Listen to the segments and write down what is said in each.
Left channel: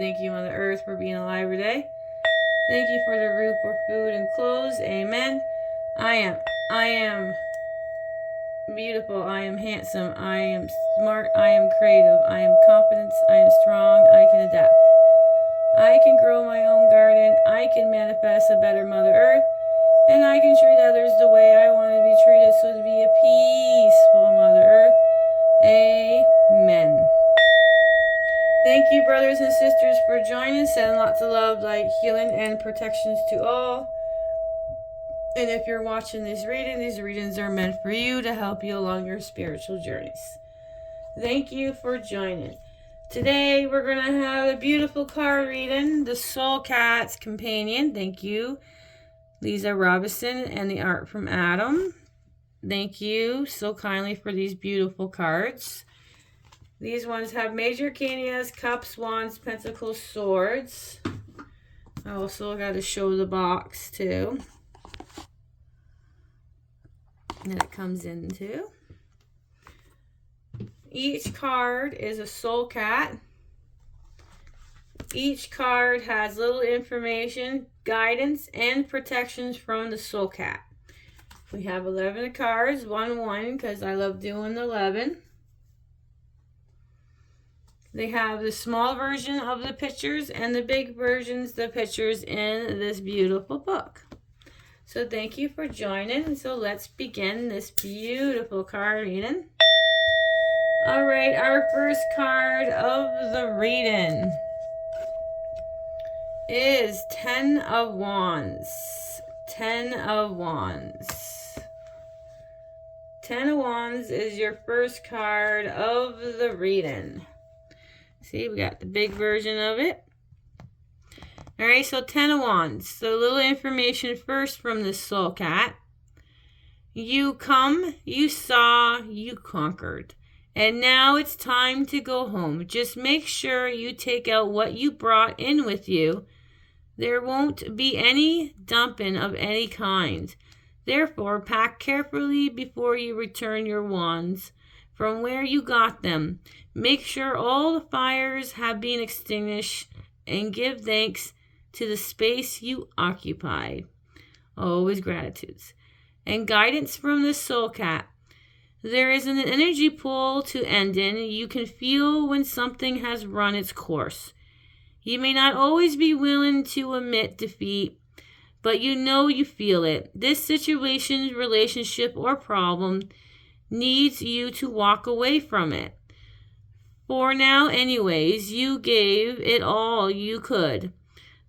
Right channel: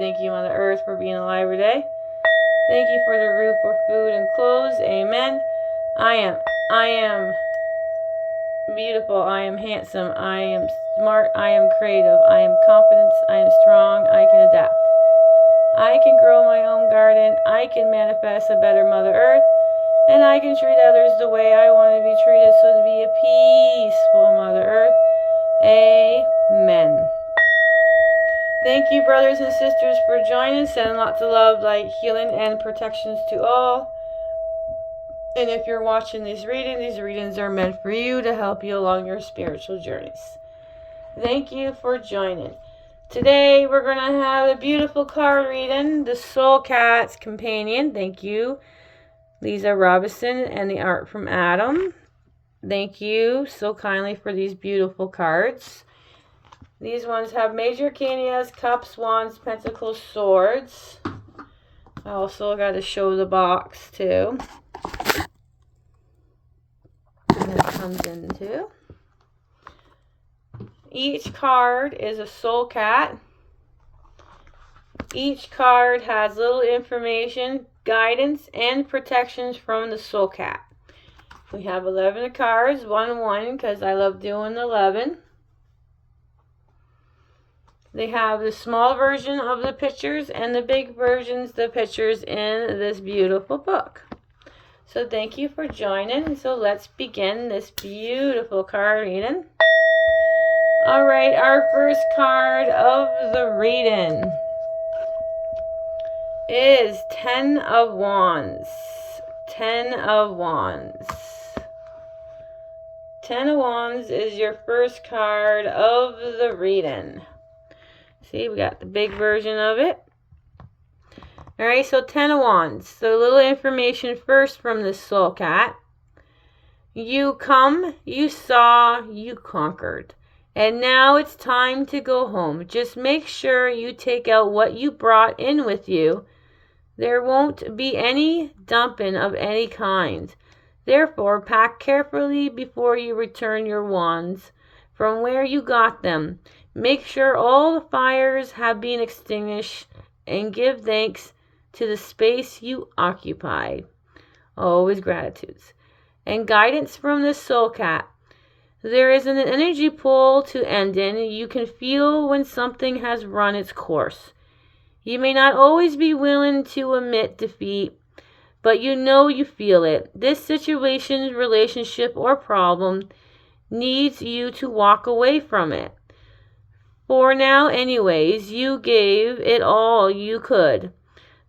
you, Mother Earth, for being alive today. Thank you for the roof for food and clothes. Amen. I am beautiful. I am handsome. I am smart. I am creative. I am confident. I am strong. I can adapt. I can grow my own garden. I can manifest a better Mother Earth. And I can treat others the way I want to be treated, so to be a peaceful Mother Earth. Amen. Thank you, brothers and sisters, for joining. Sending lots of love, light, healing, and protections to all. And if you're watching these readings are meant for you to help you along your spiritual journeys. Thank you for joining. Today we're going to have a beautiful card reading, the Soul Cat's Companion. Thank you, Lisa Robinson, and the art from Adam. Thank you so kindly for these beautiful cards. These ones have Major Arcanas, Cups, Wands, Pentacles, Swords. I also got to show the box too. And it comes into. Each card is a soul cat. Each card has little information, guidance, and protections from the soul cat. We have 11 cards, 1 because I love doing 11. They have the small version of the pictures and the big versions, the pictures in this beautiful book. So thank you for joining. So let's begin this beautiful card reading. All right, our first card of the reading is 10 of Wands. 10 of Wands. 10 of Wands is your first card of the reading. See, we got the big version of it. Alright, so 10 of Wands. So a little information first from the soul cat. You come, you saw, you conquered. And now it's time to go home. Just make sure you take out what you brought in with you. There won't be any dumping of any kind. Therefore, pack carefully before you return your wands from where you got them. Make sure all the fires have been extinguished and give thanks to the space you occupied. Always gratitudes. And guidance from the soul cat. There is an energy pull to end in. You can feel when something has run its course. You may not always be willing to admit defeat, but you know you feel it. This situation, relationship, or problem needs you to walk away from it. For now, anyways, you gave it all you could.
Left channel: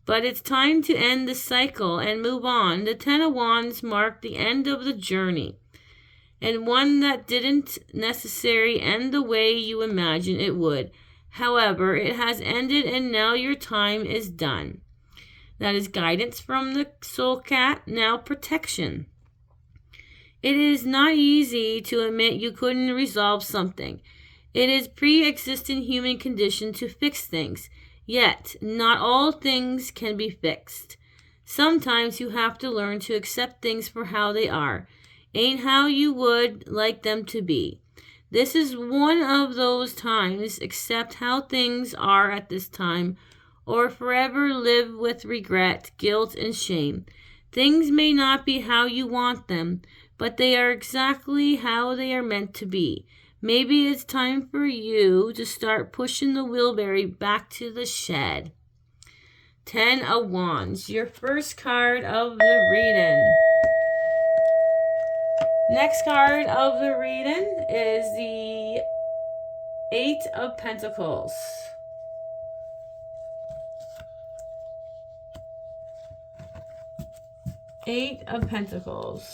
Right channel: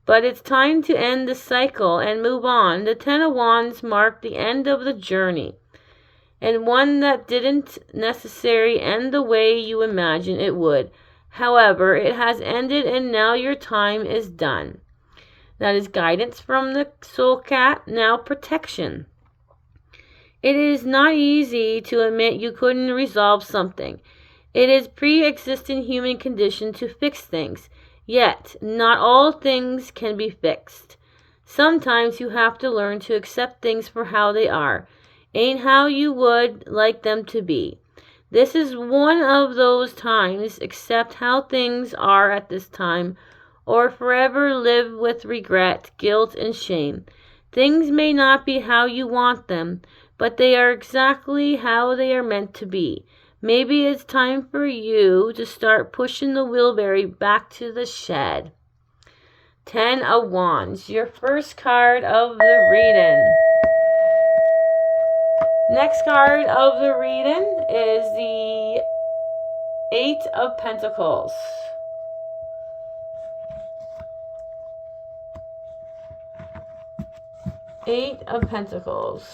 But it's time to end the cycle and move on. The 10 of Wands marked the end of the journey, and one that didn't necessarily end the way you imagined it would. However, it has ended and now your time is done. That is guidance from the soul cat. Now protection. It is not easy to admit you couldn't resolve something. It is pre-existing human condition to fix things. Yet, not all things can be fixed. Sometimes you have to learn to accept things for how they are, ain't how you would like them to be. This is one of those times. Accept how things are at this time, or forever live with regret, guilt, and shame. Things may not be how you want them, but they are exactly how they are meant to be. Maybe it's time for you to start pushing the wheelbarrow back to the shed. 10 of Wands, your first card of the reading. Next card of the reading is the 8 of Pentacles. Eight of Pentacles.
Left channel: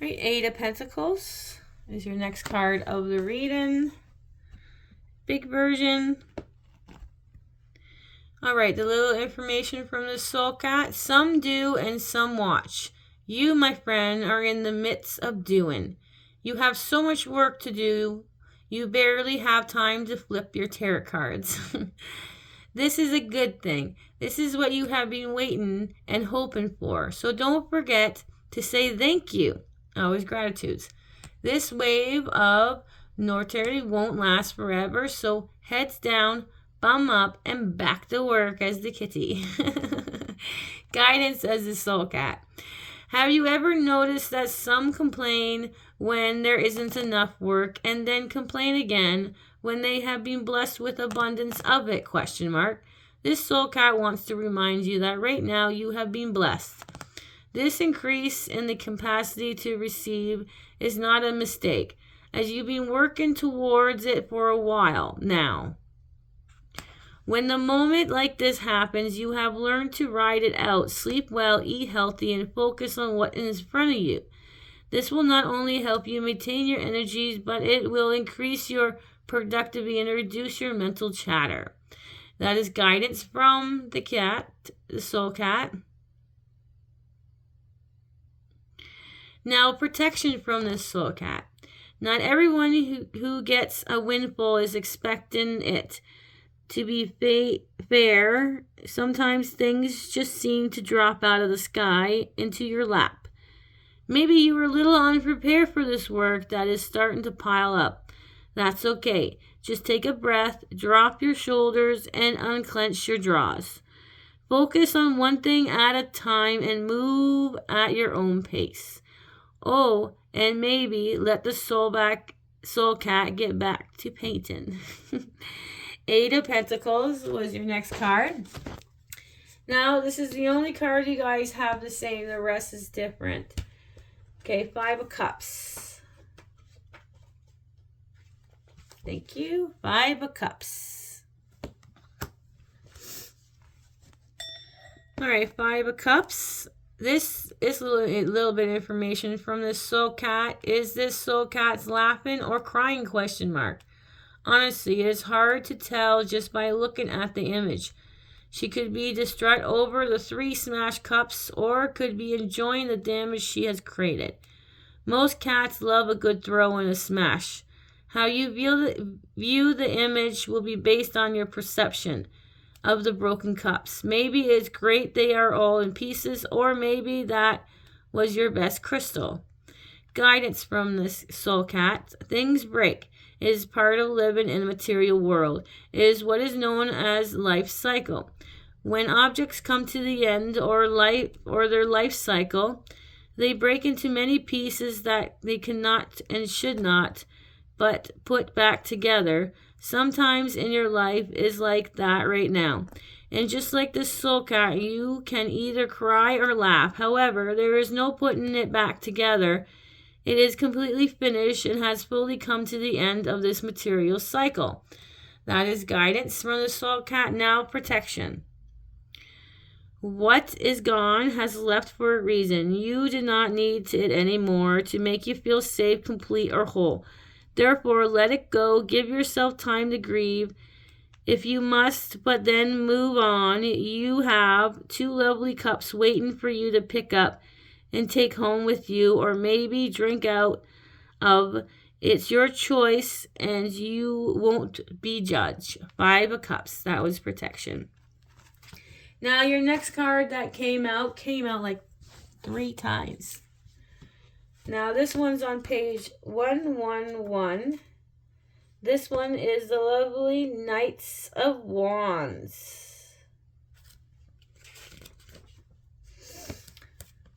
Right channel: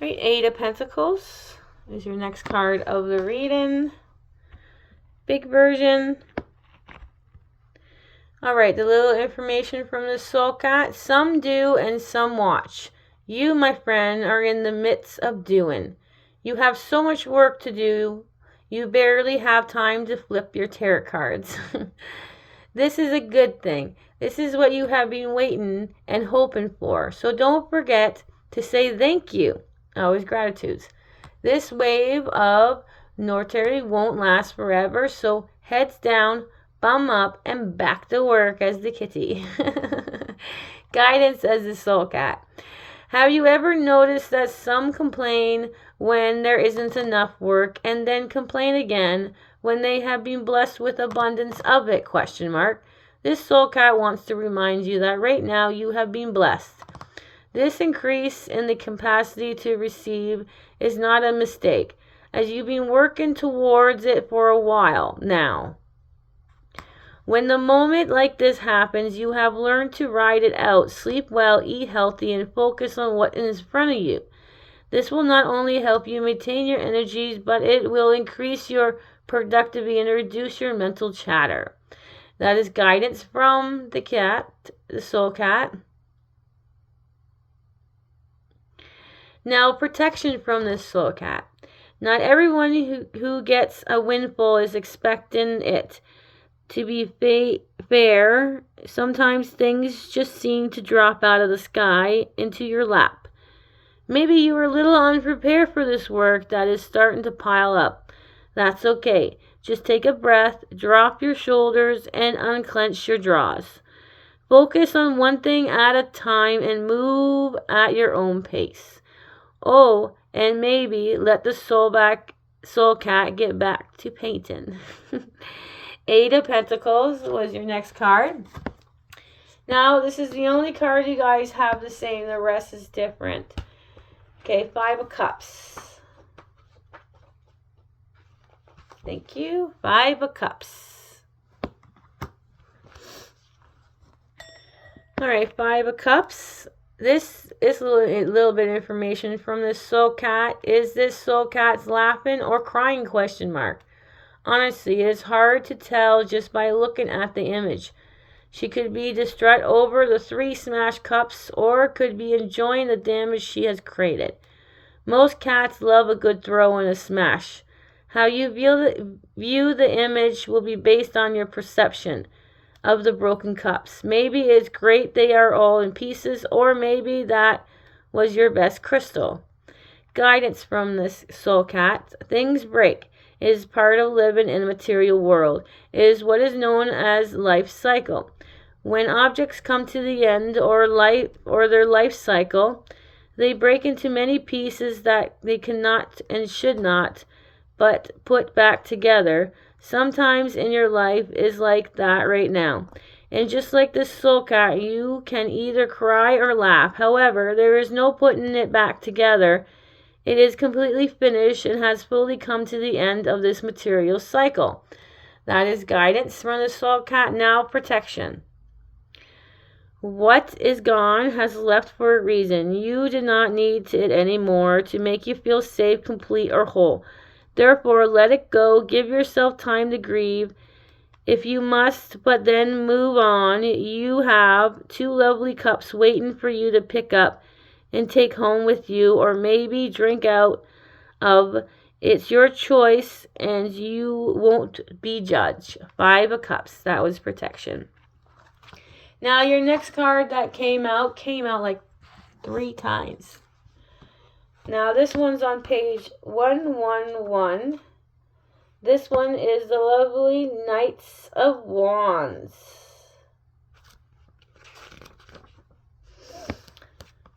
Right, 8 of Pentacles is your next card of the reading. Big version. All right, the little information from the soul cat. Some do and some watch. You, my friend, are in the midst of doing. You have so much work to do, you barely have time to flip your tarot cards. This is a good thing. This is what you have been waiting and hoping for. So don't forget to say thank you. Always gratitudes. This wave of Norterry won't last forever, so heads down, bum up, and back to work as the kitty. Guidance as the soul cat. Have you ever noticed that some complain when there isn't enough work and then complain again when they have been blessed with abundance of it? This soul cat wants to remind you that right now you have been blessed. This increase in the capacity to receive is not a mistake, as you've been working towards it for a while now. When the moment like this happens, you have learned to ride it out, sleep well, eat healthy, and focus on what is in front of you. This will not only help you maintain your energies, but it will increase your productivity and reduce your mental chatter. That is guidance from the cat, the soul cat. Now, protection from this soul cat. Not everyone who gets a windfall is expecting it to be fair. Sometimes things just seem to drop out of the sky into your lap. Maybe you were a little unprepared for this work that is starting to pile up. That's okay. Just take a breath, drop your shoulders, and unclench your jaws. Focus on one thing at a time and move at your own pace. Oh, and maybe let the soul cat get back to painting. 8 of Pentacles was your next card. Now, this is the only card you guys have the same. The rest is different. Okay, 5 of Cups. Thank you. 5 of Cups. All right, 5 of Cups. This is a little bit of information from this soul cat. Is this soul cat's laughing or crying? Honestly, it is hard to tell just by looking at the image. She could be distraught over the 3 smashed cups or could be enjoying the damage she has created. Most cats love a good throw and a smash. How you view the image will be based on your perception of the broken cups. Maybe it's great they are all in pieces, or maybe that was your best crystal. Guidance from this soul cat. Things break. It is part of living in a material world. It is what is known as life cycle. When objects come to the end or their life cycle, they break into many pieces that they cannot and should not but put back together. Sometimes in your life is like that right now. And just like this soul cat, you can either cry or laugh. However, there is no putting it back together. It is completely finished and has fully come to the end of this material cycle. That is guidance from the soul cat. Now, protection. What is gone has left for a reason. You do not need it anymore to make you feel safe, complete, or whole. Therefore, let it go. Give yourself time to grieve if you must, but then move on. You have 2 lovely cups waiting for you to pick up and take home with you, or maybe drink out of. It's your choice, and you won't be judged. 5 of Cups. That was protection. Now, your next card that came out like 3 times. Now, this one's on page 111. This one is the lovely Knights of Wands.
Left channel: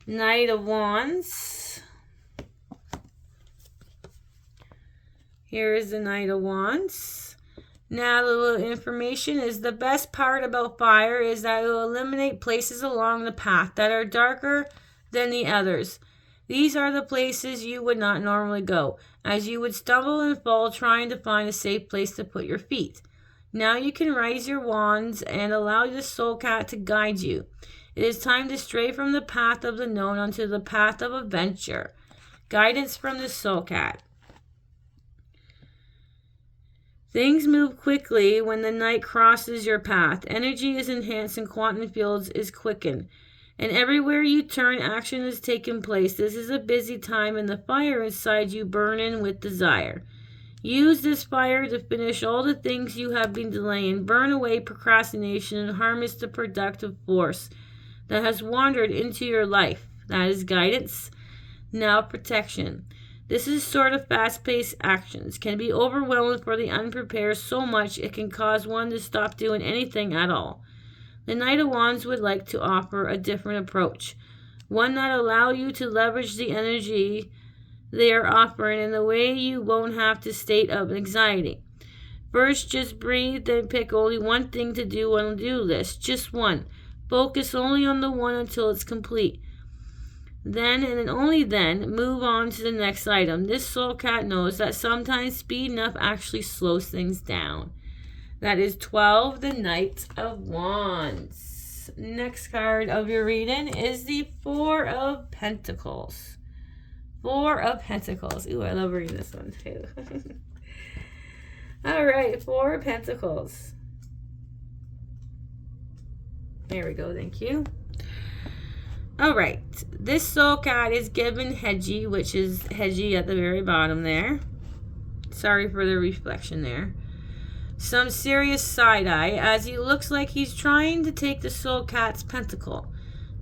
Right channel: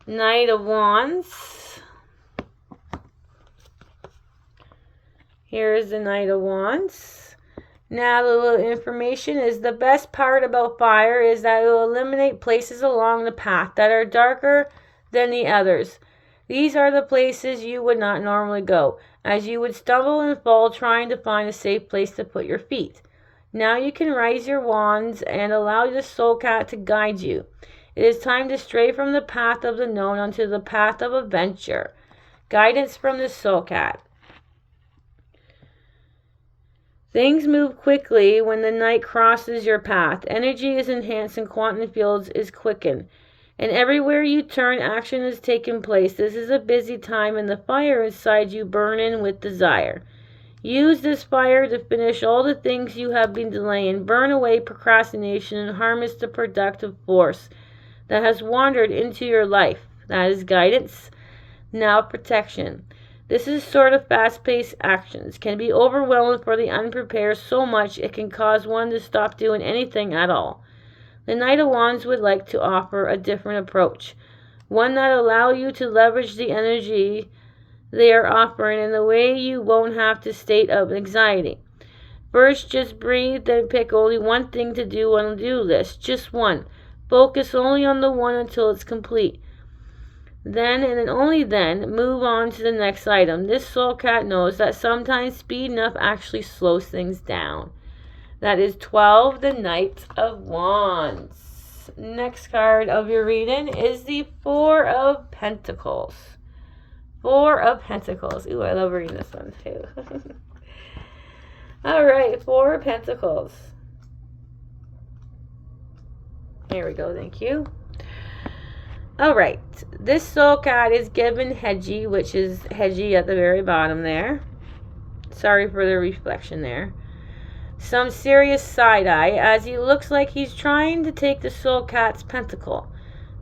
Knight of Wands. Here is the Knight of Wands. Now, the little information is the best part about fire is that it will eliminate places along the path that are darker than the others. These are the places you would not normally go, as you would stumble and fall trying to find a safe place to put your feet. Now you can raise your wands and allow the soul cat to guide you. It is time to stray from the path of the known onto the path of adventure. Guidance from the soul cat. Things move quickly when the night crosses your path. Energy is enhanced and quantum fields is quickened. And everywhere you turn, action is taking place. This is a busy time and the fire inside you burning with desire. Use this fire to finish all the things you have been delaying. Burn away procrastination and harness the productive force that has wandered into your life. That is guidance. Now protection. This is sort of fast-paced actions. Can be overwhelming for the unprepared so much it can cause one to stop doing anything at all. The Knight of Wands would like to offer a different approach. One that allow you to leverage the energy they are offering in a way you won't have to state of anxiety. First, just breathe, then pick only one thing to do on the do list. Just one. Focus only on the one until it's complete. Then, and only then, move on to the next item. This soul cat knows that sometimes speeding up actually slows things down. That is 12, the Knight of Wands. Next card of your reading is the Four of Pentacles. Four of Pentacles. Ooh, I love reading this one too. All right, Four of Pentacles. There we go, thank you. All right, this soul cat is given Hedgie, which is Hedgie at the very bottom there. Sorry for the reflection there. Some serious side-eye as he looks like he's trying to take the soul cat's pentacle.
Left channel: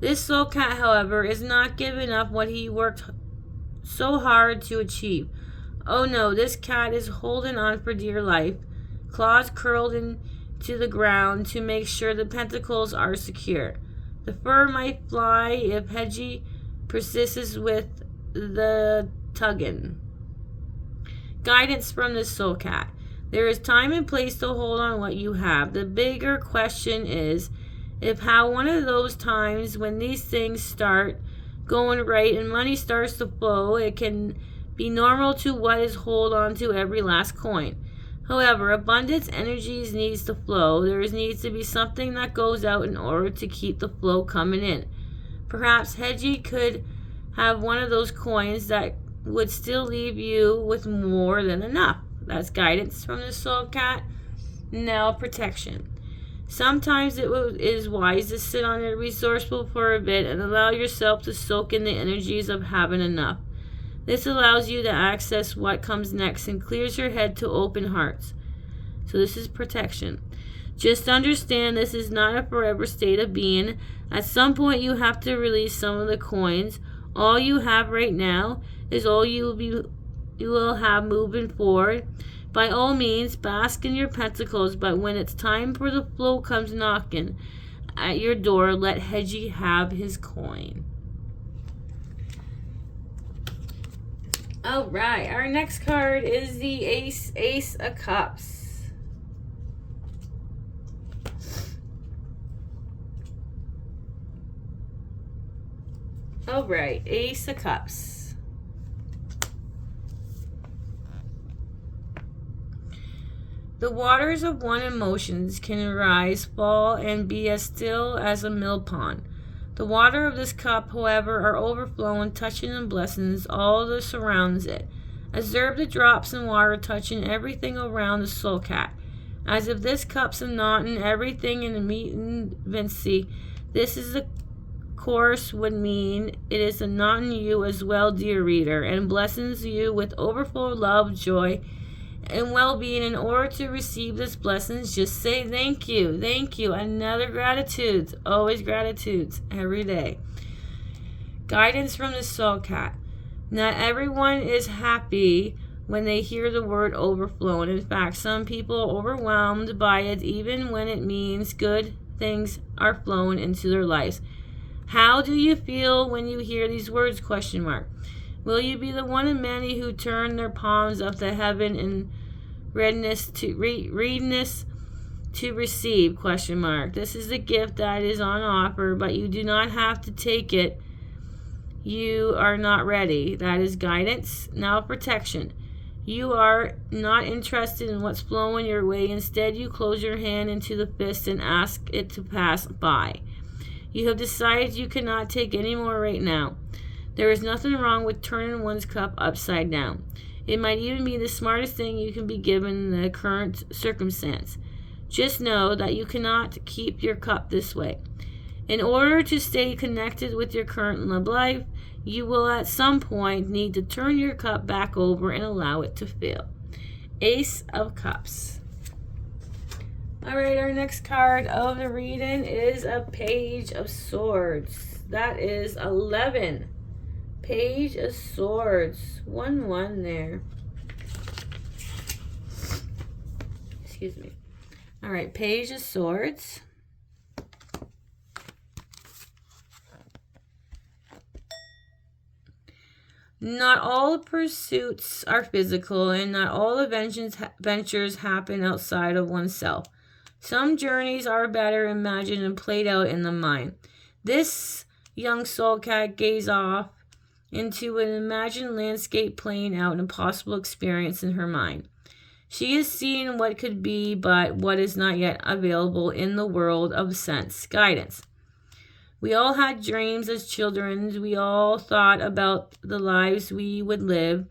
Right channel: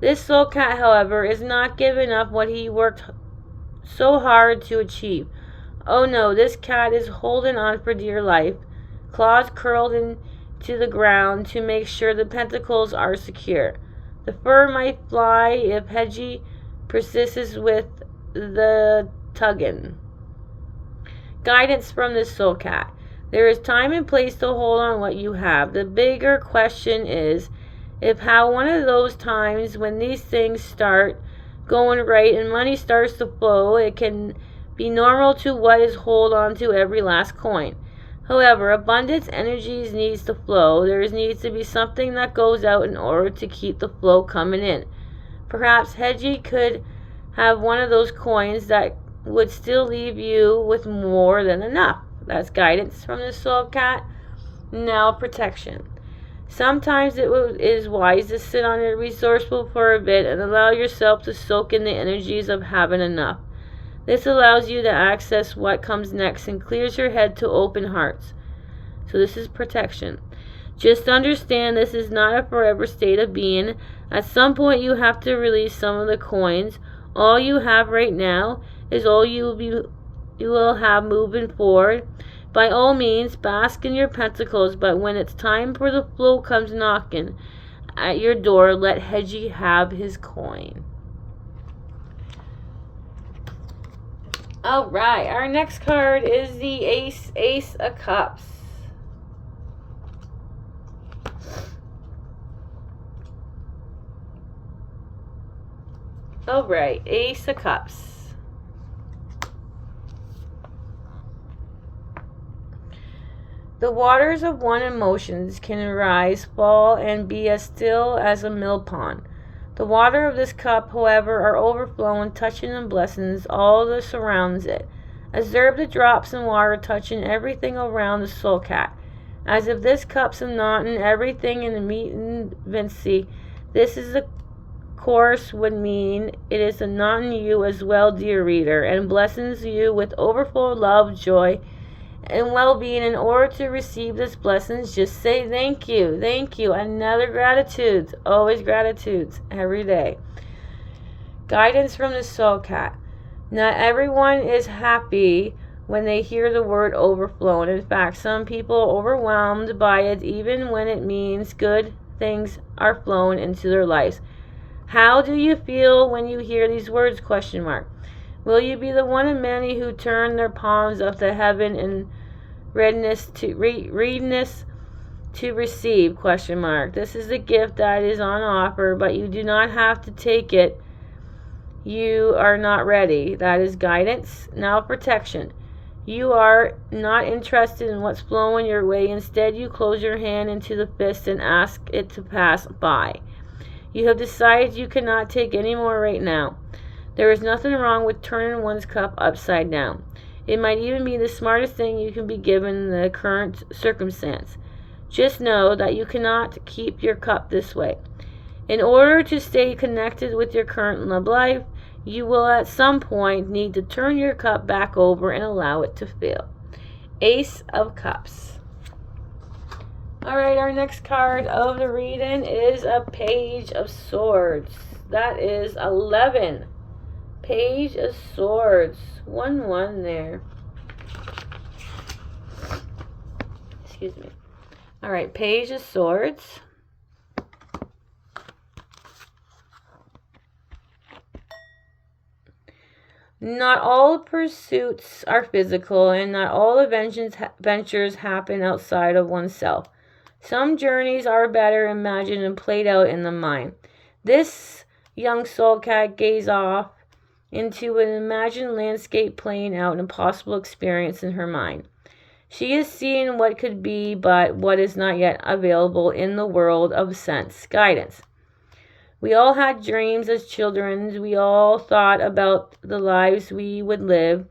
This soul cat, however, is not giving up what he worked so hard to achieve. Oh no, this cat is holding on for dear life, claws curled into the ground to make sure the pentacles are secure. The fur might fly if Hedgie persists with the tugging. Guidance from the soul cat. There is time and place to hold on what you have. The bigger question is if how one of those times when these things start going right and money starts to flow, it can be normal to what is hold on to every last coin. However, abundance energies needs to flow. There needs to be something that goes out in order to keep the flow coming in. Perhaps Hedgie could have one of those coins that would still leave you with more than enough. That's guidance from the soul cat. Now protection. Sometimes it is wise to sit on it resourceful for a bit and allow yourself to soak in the energies of having enough. This allows you to access what comes next and clears your head to open hearts. So this is protection. Just understand this is not a forever state of being. At some point you have to release some of the coins. All you have right now is all you will have moving forward. By all means, bask in your pentacles, but when it's time for the flow comes knocking at your door, let Hedgie have his coin. All right, our next card is the Ace of Cups. All right, Ace of Cups. The waters of one emotions can rise, fall, and be as still as a mill pond. The water of this cup, however, are overflowing, touching and blessings all that surrounds it. Observe the drops in water touching everything around the soul cat. As if this cup's a knot in everything in the meat and Vinci, this is the course would mean it is a knot in you as well, dear reader, and blessings you with overflow love, joy, and well-being. In order to receive this blessings, just say thank you, another gratitude, always gratitudes every day. Guidance from the soul cat. Not everyone is happy when they hear the word overflow, and in fact some people are overwhelmed by it even when it means good things are flowing into their lives. How do you feel when you hear these words? ? Will you be the one of many who turn their palms up to heaven in readiness to receive? ? This is the gift that is on offer, but you do not have to take it. You are not ready. That is guidance. Now protection. You are not interested in what's flowing your way. Instead, you close your hand into the fist and ask it to pass by. You have decided you cannot take any more right now. There is nothing wrong with turning one's cup upside down. It might even be the smartest thing you can be given in the current circumstance. Just know that you cannot keep your cup this way. In order to stay connected with your current love life, you will at some point need to turn your cup back over and allow it to fill. Ace of Cups. All right, our next card of the reading is a Page of Swords. That is 11. Page of Swords. 1-1 there. Excuse me. All right, Page of Swords. Not all pursuits are physical, and not all adventures happen outside of oneself. Some journeys are better imagined and played out in the mind. This young soul cat gazed off into an imagined landscape playing out an impossible experience in her mind. She is seeing what could be, but what is not yet available in the world of sense guidance. We all had dreams as children. We all thought about the lives we would live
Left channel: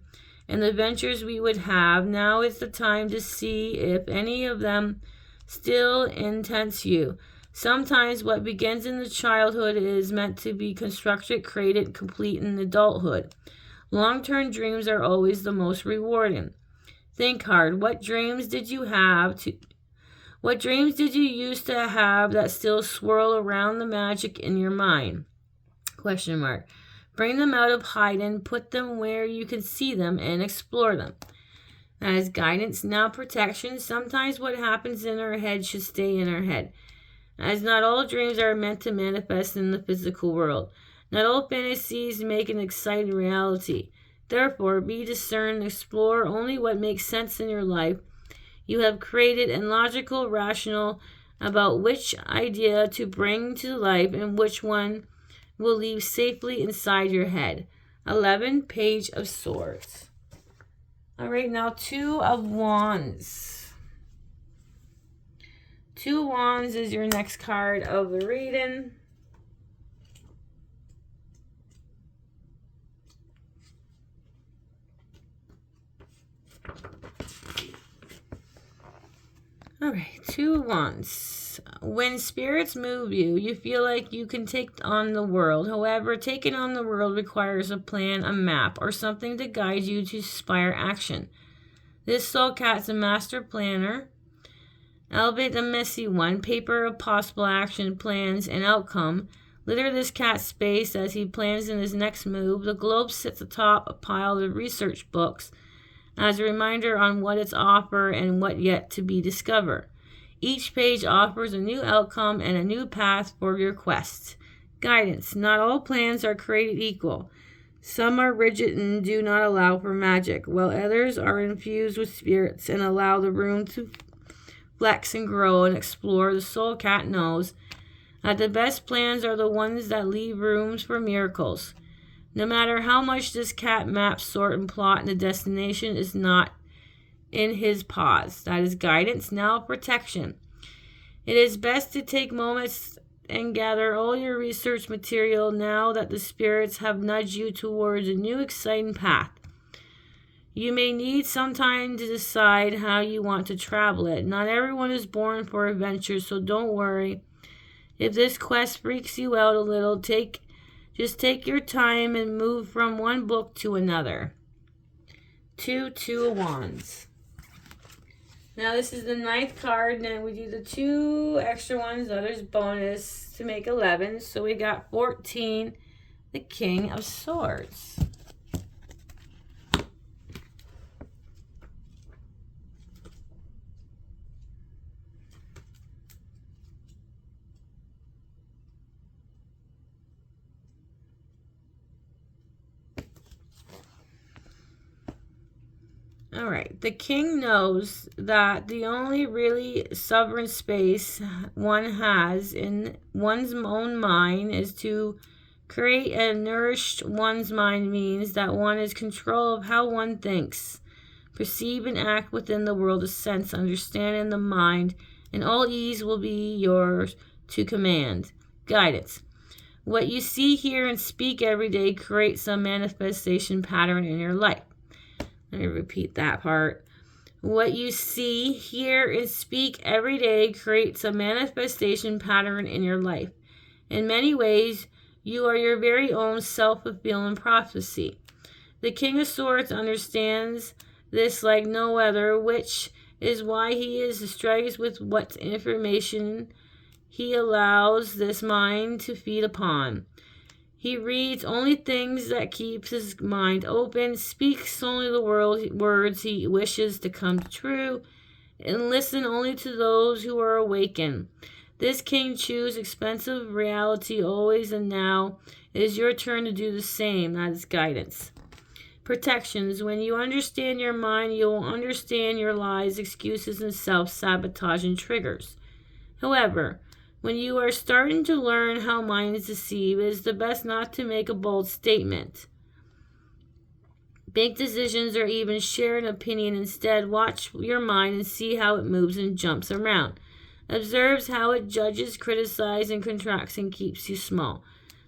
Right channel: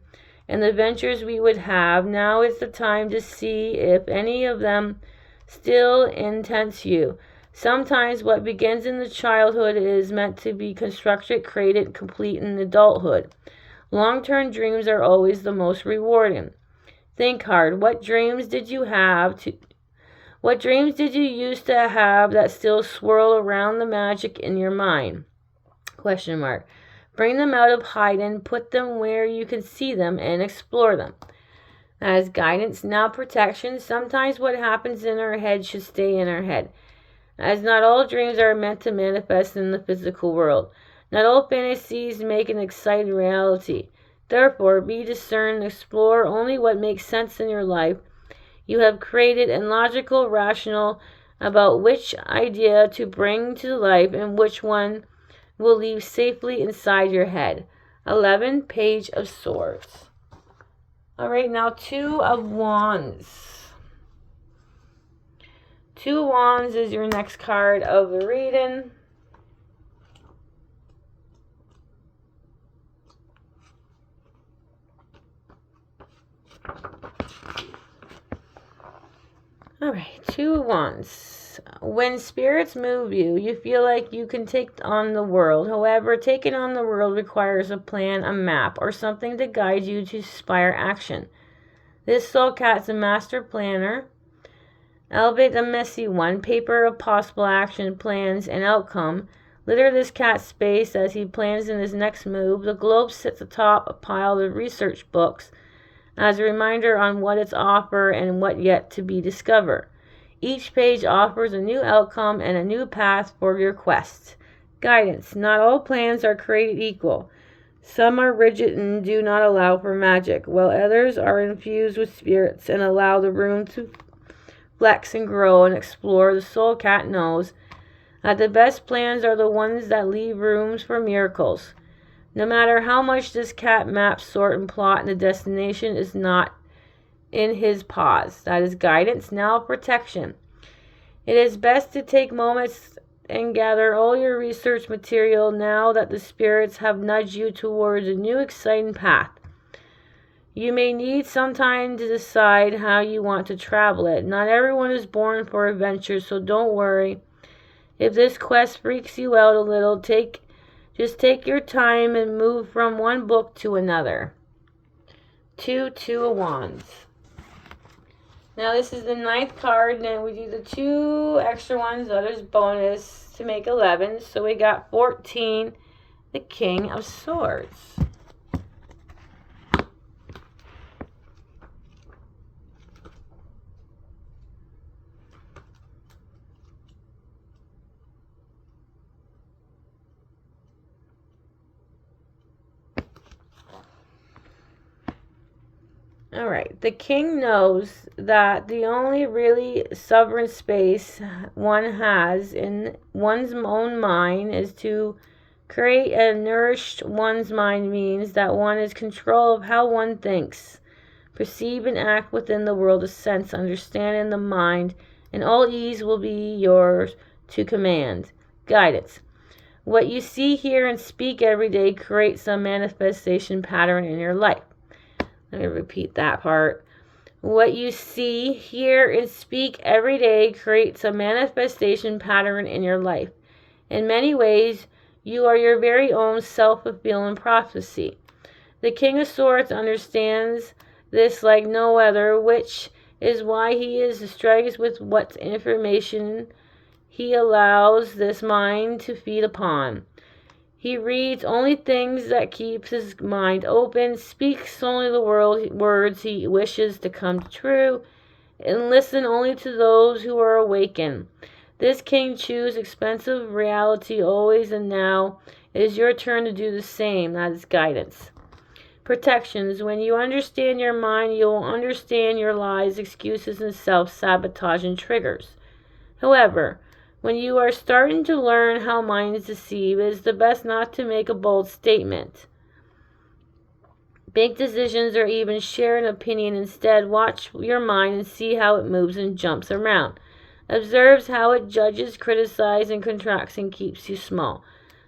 and the adventures we would have. Now is the time to see if any of them still intents you. Sometimes what begins in the childhood is meant to be constructed, created, complete in adulthood. Long-term dreams are always the most rewarding. Think hard. What dreams did you used to have that still swirl around the magic in your mind? Question mark. Bring them out of hiding, put them where you can see them, and explore them. As guidance, now protection. Sometimes what happens in our head should stay in our head, as not all dreams are meant to manifest in the physical world. Not all fantasies make an exciting reality. Therefore, be discerned and explore only what makes sense in your life. You have created and logical, rational about which idea to bring to life and which one will leave safely inside your head. 11, Page of Swords. All right, now 2 of Wands. 2 of Wands is your next card of the reading. All right, 2 of Wands. When spirits move you, you feel like you can take on the world. However, taking on the world requires a plan, a map, or something to guide you to inspire action. This soul cat's a master planner, albeit a messy one. Paper of possible action, plans, and outcome. Litter this cat's space as he plans in his next move. The globe sits atop a pile of research books as a reminder on what it's offer and what yet to be discovered. Each page offers a new outcome and a new path for your quest. Guidance. Not all plans are created equal. Some are rigid and do not allow for magic, while others are infused with spirits and allow the room to flex and grow and explore. The soul cat knows that the best plans are the ones that leave rooms for miracles. No matter how much this cat maps, sort, and plot, and the destination is not in his paws. That is guidance, now protection. It is best to take moments and gather all your research material now that the spirits have nudged you towards a new exciting path. You may need some time to decide how you want to travel it. Not everyone is born for adventure, so don't worry. If this quest freaks you out a little, just take your time and move from one book to another. 2 of Wands. Now this is the 9th card, and then we do the 2 extra ones, others bonus to make 11. So we got 14, the King of Swords. All right, the king knows that the only really sovereign space one has in one's own mind is to create and nourish one's mind means that one is control of how one thinks, perceive and act within the world of sense, understanding the mind, and all ease will be yours to command. Guidance. What you see, hear, and speak every day creates a manifestation pattern in your life. Let me repeat that part. What you see, hear, and speak every day creates a manifestation pattern in your life. In many ways, you are your very own self-fulfilling prophecy. The King of Swords understands this like no other, which is why he is strikes with what information he allows this mind to feed upon. He reads only things that keeps his mind open, speaks only the words he wishes to come true, and listen only to those who are awakened. This king chooses expensive reality always and now. It is your turn to do the same. That is guidance. Protections. When you understand your mind, you will understand your lies, excuses, and self-sabotage and triggers. However, when you are starting to learn how minds deceive, it is the best not to make a bold statement, make decisions, or even share an opinion. Instead, watch your mind and see how it moves and jumps around. Observes how it judges, criticizes, and contracts and keeps you small.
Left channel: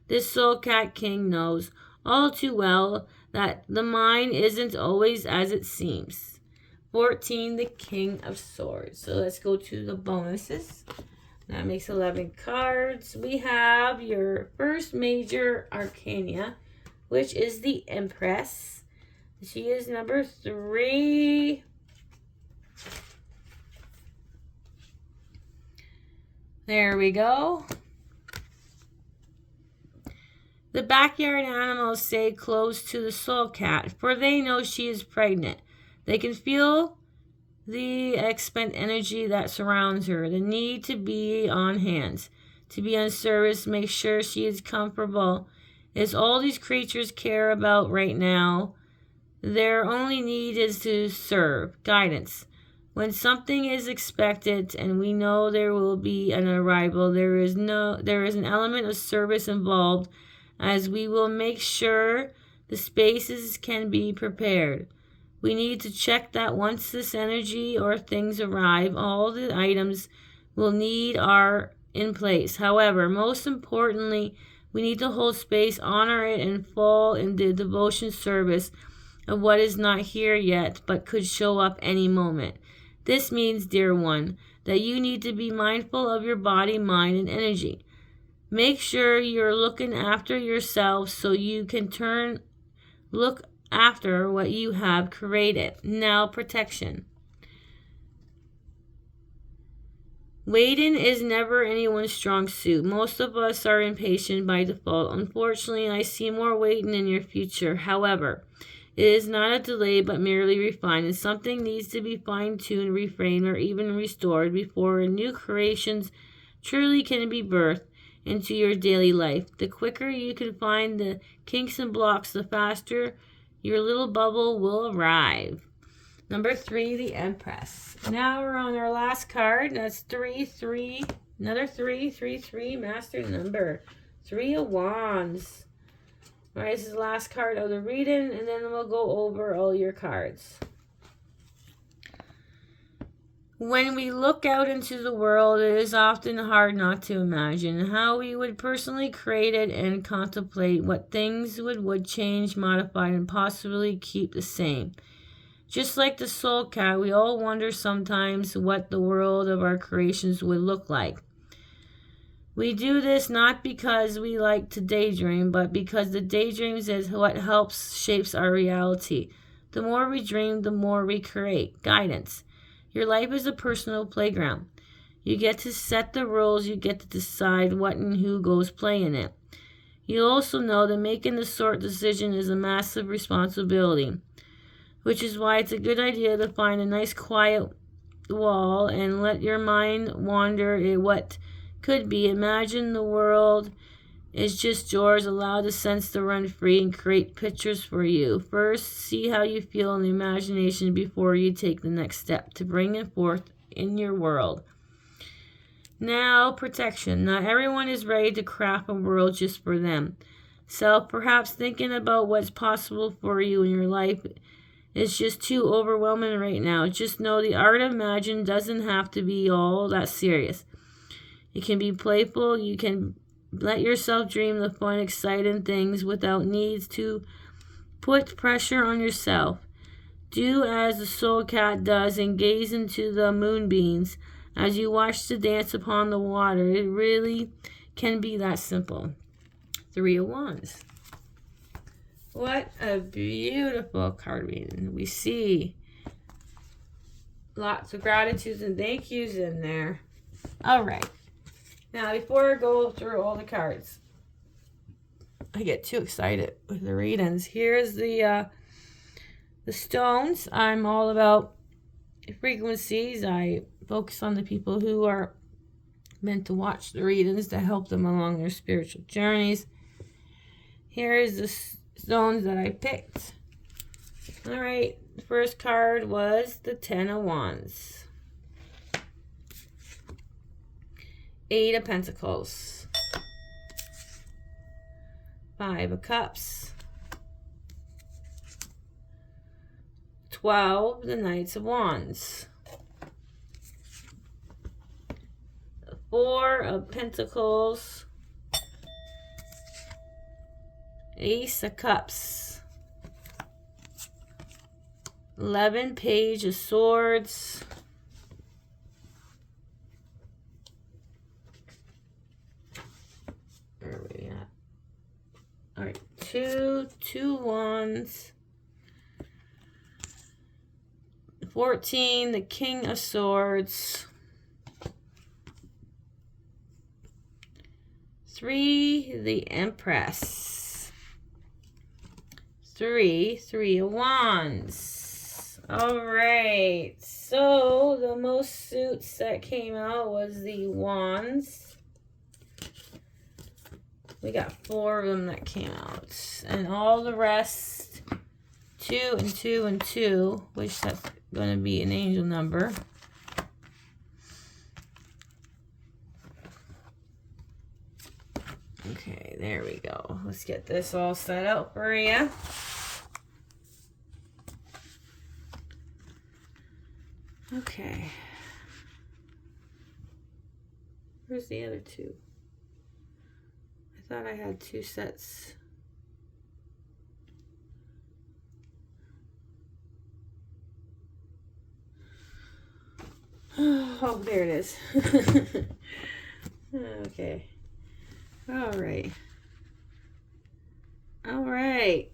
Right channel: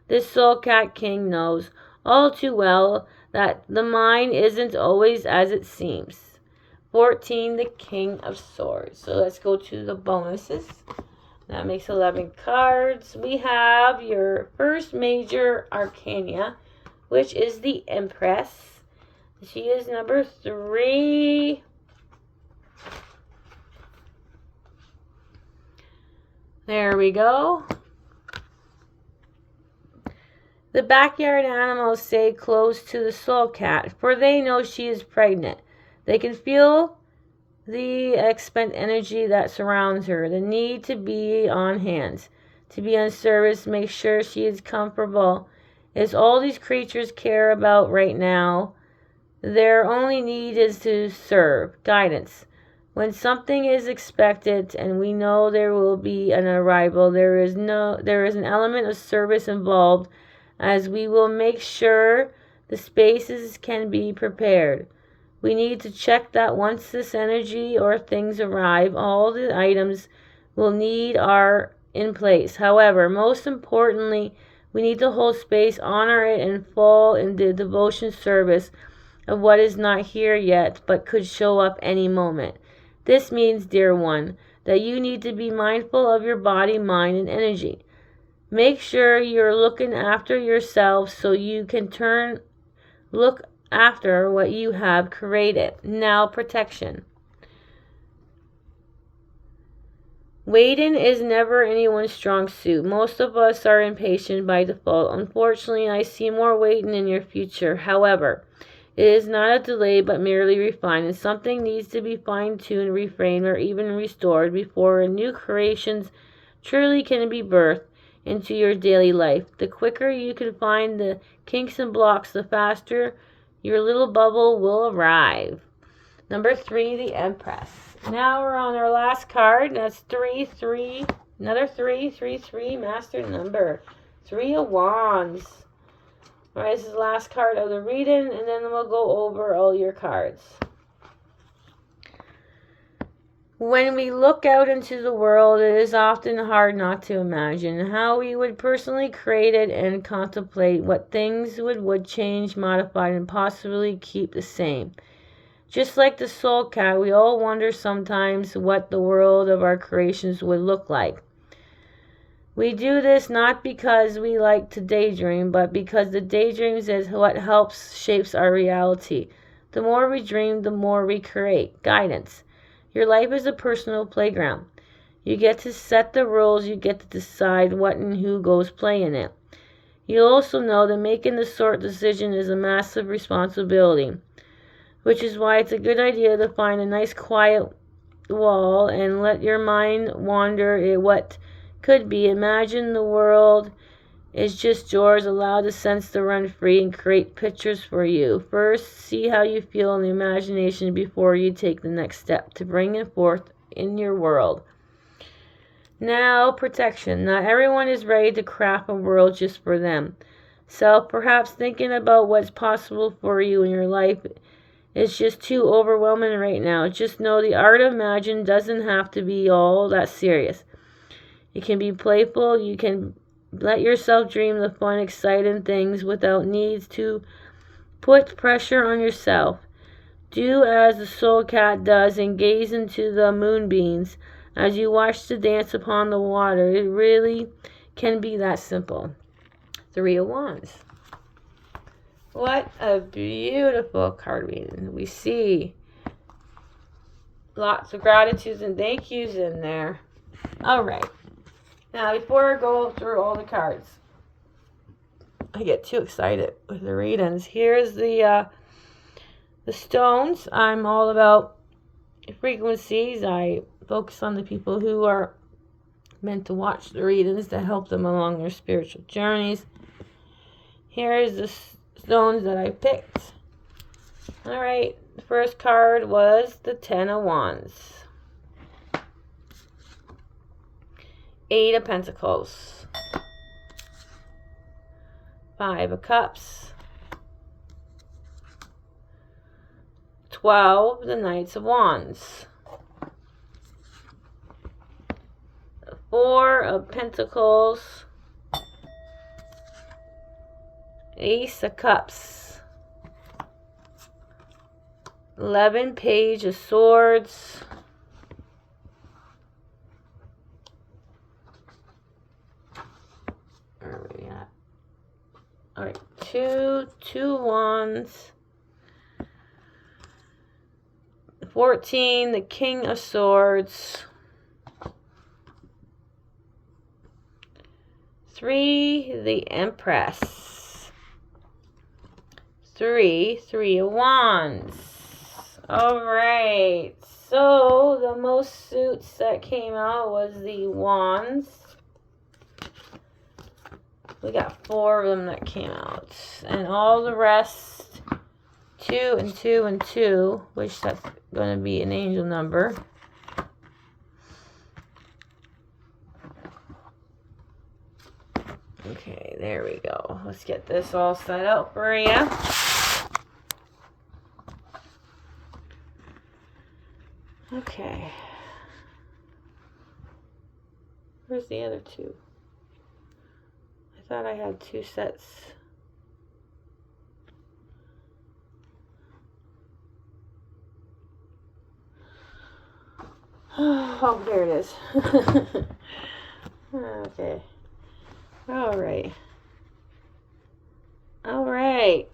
This Soul Cat King knows all too well that the mind isn't always as it seems. 14, the King of Swords. So let's go to the bonuses. That makes 11 cards. We have your first major arcana, which is the Empress. She is number 3. There we go. The backyard animals stay close to the Soul Cat, for they know she is pregnant. They can feel the expent energy that surrounds her, the need to be on hand, to be on service, make sure she is comfortable, is all these creatures care about right now. Their only need is to serve. Guidance. When something is expected and we know there will be an arrival, there is an element of service involved, as we will make sure the spaces can be prepared. We need to check that once this energy or things arrive, all the items we'll need are in place. However, most importantly, we need to hold space, honor it, and fall in the devotion service of what is not here yet but could show up any moment. This means, dear one, that you need to be mindful of your body, mind, and energy. Make sure you're looking after yourself so you can look after what you have created. Now, protection. Waiting is never anyone's strong suit. Most of us are impatient by default. Unfortunately, I see more waiting in your future. However, it is not a delay but merely refined, and something needs to be fine-tuned, reframed, or even restored before a new creation truly can be birthed into your daily life. The quicker you can find the kinks and blocks, the faster your little bubble will arrive. Number 3, the Empress. Now we're on our last card. That's 3, 3, another 3, 3, 3, master number. 3 of Wands. Alright, this is the last card of the reading, and then we'll go over all your cards. When we look out into the world, it is often hard not to imagine how we would personally create it and contemplate what things would change, modify, and possibly keep the same. Just like the Soul Cat, we all wonder sometimes what the world of our creations would look like. We do this not because we like to daydream, but because the daydreams is what shapes our reality. The more we dream, the more we create. Guidance. Your life is a personal playground. You get to set the rules, you get to decide what and who goes play in it. You also know that making the sort decision is a massive responsibility, which is why it's a good idea to find a nice quiet wall and let your mind wander at what could be. Imagine the world is just yours. Allow the sense to run free and create pictures for you. First, see how you feel in the imagination before you take the next step to bring it forth in your world. Now, protection. Not everyone is ready to craft a world just for them. Perhaps thinking about what's possible for you in your life is just too overwhelming right now. Just know the art of imagine doesn't have to be all that serious. It can be playful. You can let yourself dream the fun, exciting things without needs to put pressure on yourself. Do as the Soul Cat does and gaze into the moonbeams as you watch the dance upon the water. It really can be that simple. 3 of Wands. What a beautiful card reading. We see Lots of gratitudes and thank yous in there. All right. Now, before I go through all the cards, I get too excited with the readings. Here's the stones. I'm all about frequencies. I focus on the people who are meant to watch the readings to help them along their spiritual journeys. Here's the stones that I picked. All right. The first card was the Ten of Wands. 8 of Pentacles. 5 of Cups. 12, the Knights of Wands. 4 of Pentacles. Ace of Cups. 11, Page of Swords. Where are we at? All right, two wands. 14, the King of Swords. 3, the Empress. 3 of Wands. All right, so the most suits that came out was the Wands. We got 4 of them that came out, and all the rest, 2 and 2 and 2, which that's going to be an angel number. Okay, there we go. Let's get this all set out for you. Okay. Where's the other 2? I thought I had 2 sets. Oh, there it is. Okay. All right. All right.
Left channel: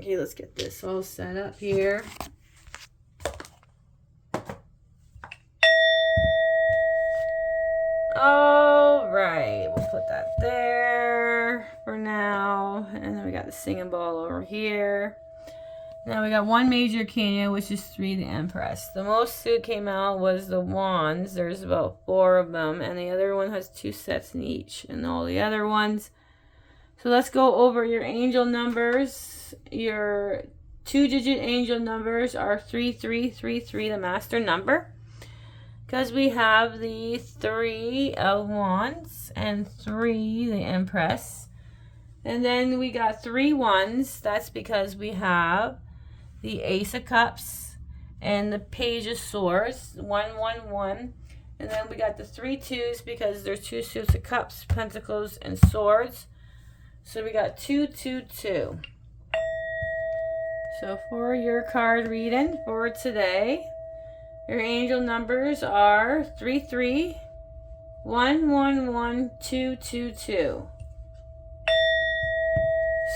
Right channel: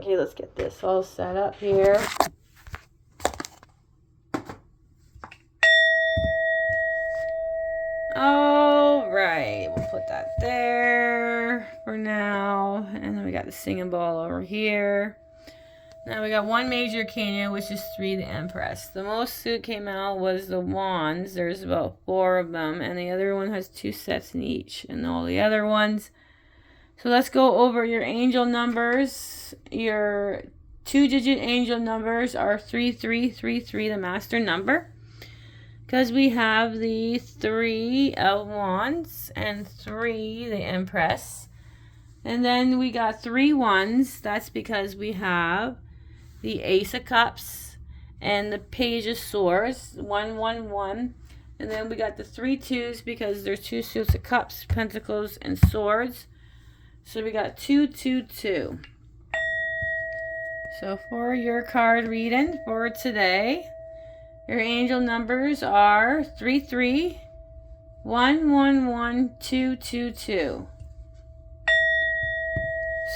Okay, let's get this all set up here. All right, we'll put that there for now. And then we got the singing ball over here. Now we got 1 major arcana, which is 3, the Empress. The most suit came out was the Wands. There's about 4 of them, and the other one has 2 sets in each, and all the other ones. So let's go over your angel numbers. Your 2-digit angel numbers are 3333, the master number, because we have the 3 of Wands and 3, the Empress. And then we got 3 ones. That's because we have the Ace of Cups and the Page of Swords, 1, 1, 1. And then we got the 3 2s because there's 2 suits of cups, pentacles, and swords. So we got 2, 2, 2. So for your card reading for today, your angel numbers are 33, 1, 1, 1, 2, 2, 2.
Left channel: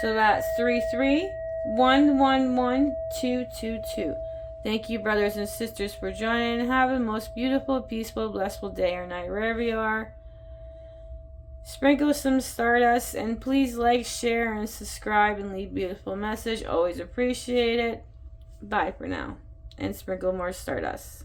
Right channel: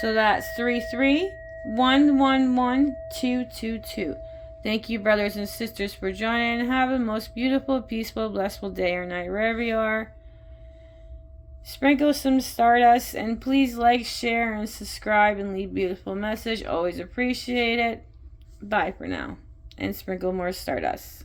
So that's 33, 1, 1, 1, 2, 2, 2. Thank you, brothers and sisters, for joining. Have a most beautiful, peaceful, blissful day or night wherever you are. Sprinkle some stardust, and please like, share, and subscribe, and leave beautiful message. Always appreciate it. Bye for now, and sprinkle more stardust.